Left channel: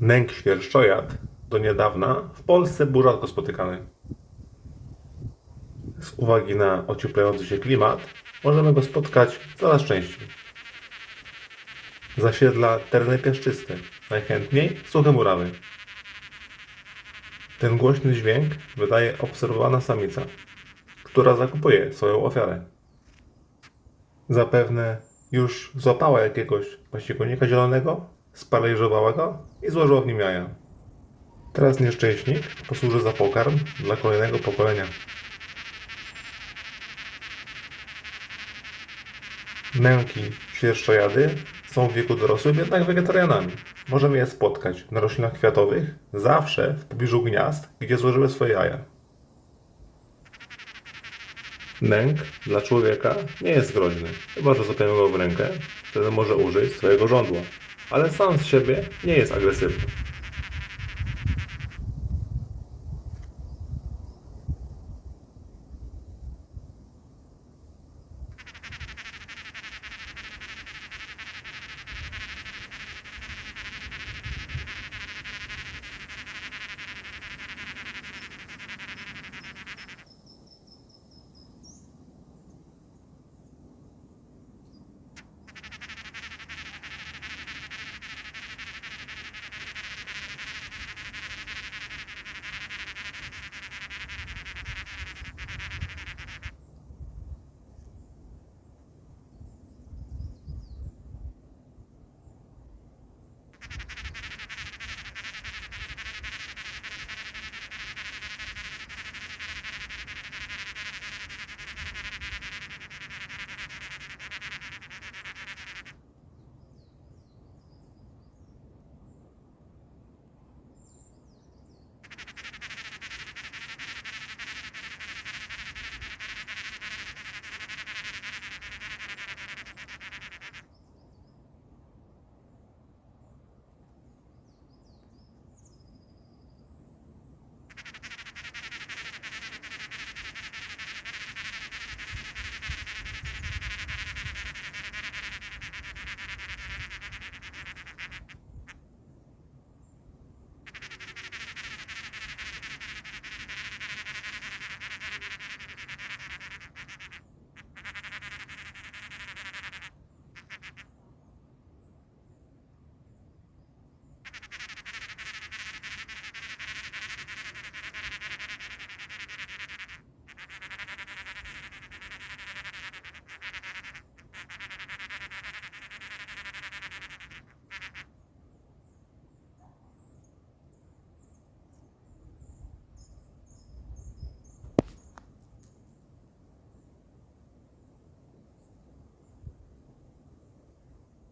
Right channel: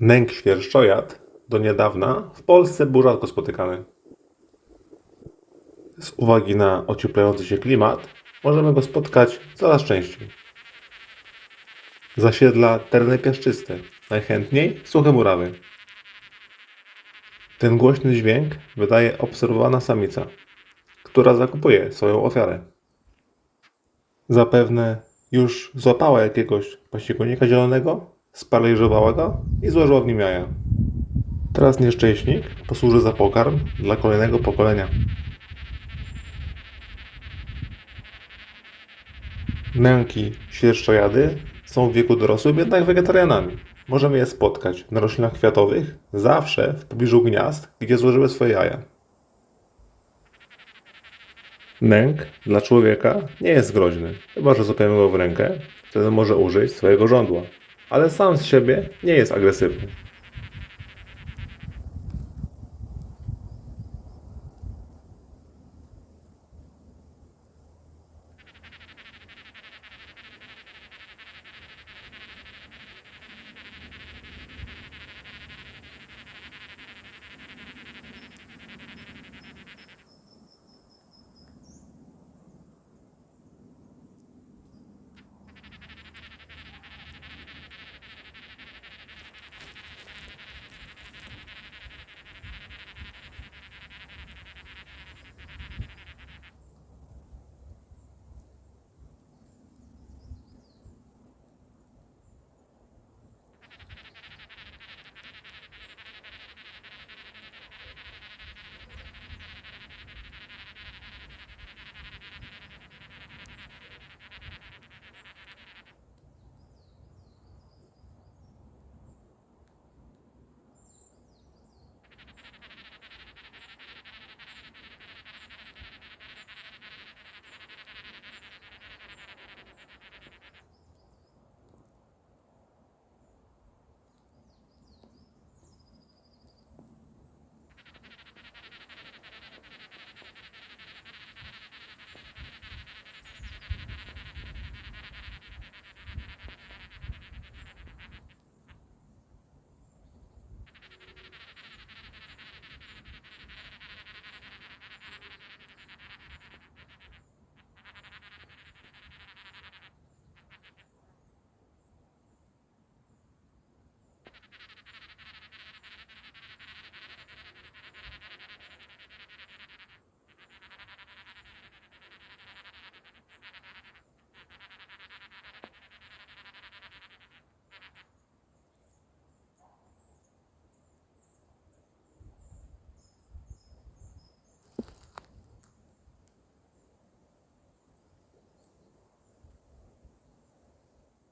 Nęk świerszczojad do niedawna w Polsce był rzadko spotykany. Z uwagi na ocieplający się klimat możemy go spotkać coraz częściej. Zasiedla tereny piaszczyste, najchętniej suche murawy. Ten głośny dźwięk wydaje obserwowana samica, która zakupuje swoją ofiarę. Zapewne już złapała jakiegoś pasiekonika zielonego, sparaliżowała go i złożyła w nim jaja. Teraz nieszczęśnik posłuży za pokarm dla kolejnego pokolenia. Męki świerszczojady są w wieku dorosłym jednak wegetarianami. Możemy je spotkać na roślinach kwiatowych, zawsze w pobliżu gniazd, gdzie złożyły swoje jaja. Nęk dla człowieka nie jest groźny, chyba że złapiemy go w rękę, wtedy może użyć swojego żądła, ale sam z siebie nie jest agresywny.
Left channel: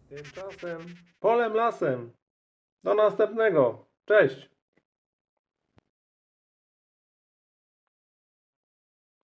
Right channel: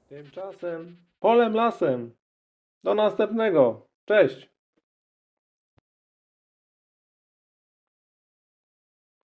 Tymczasem polem lasem. Do następnego. Cześć.